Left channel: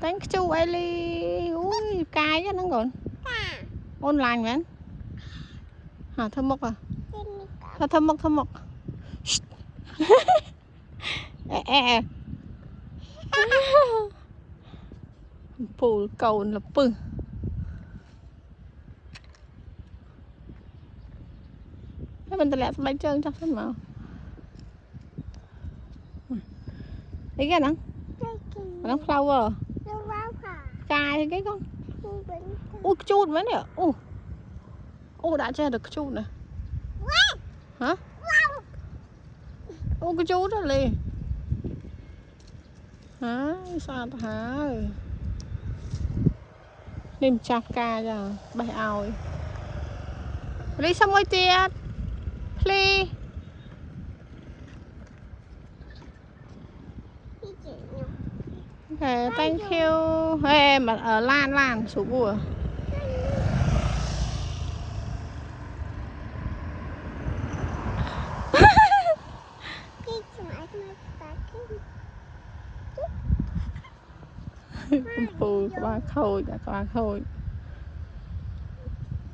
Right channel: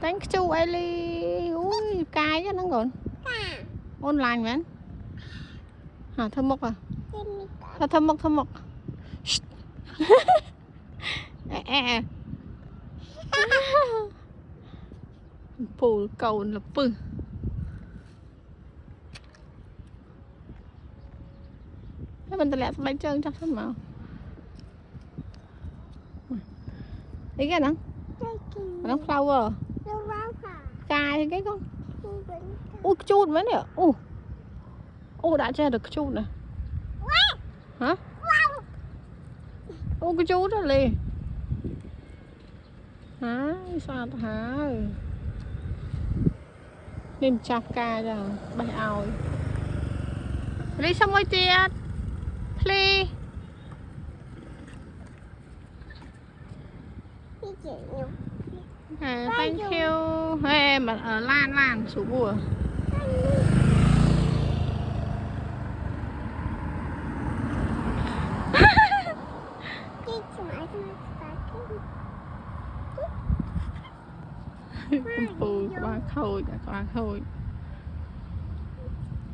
Thank you Ellie. Ui, cay cái nó còn. Online vậy. Hả, thơm mốc à? Thơm mốc. Phù cầu là pư. Cái mình lại bay trơn chắc hết mà. Ý cái nè. Nó flower. Cay cái con. Ui chút mấy nè. Ui đã che được chút nè. Hả? Ui cái chút đó liền. Hả? Sao ta hả? Nên chạp ca cho bay oi. Đi xong rồi tiệt. Please. Thank you. Hey, mà ở lan số bùa. Phù các bạn khôi.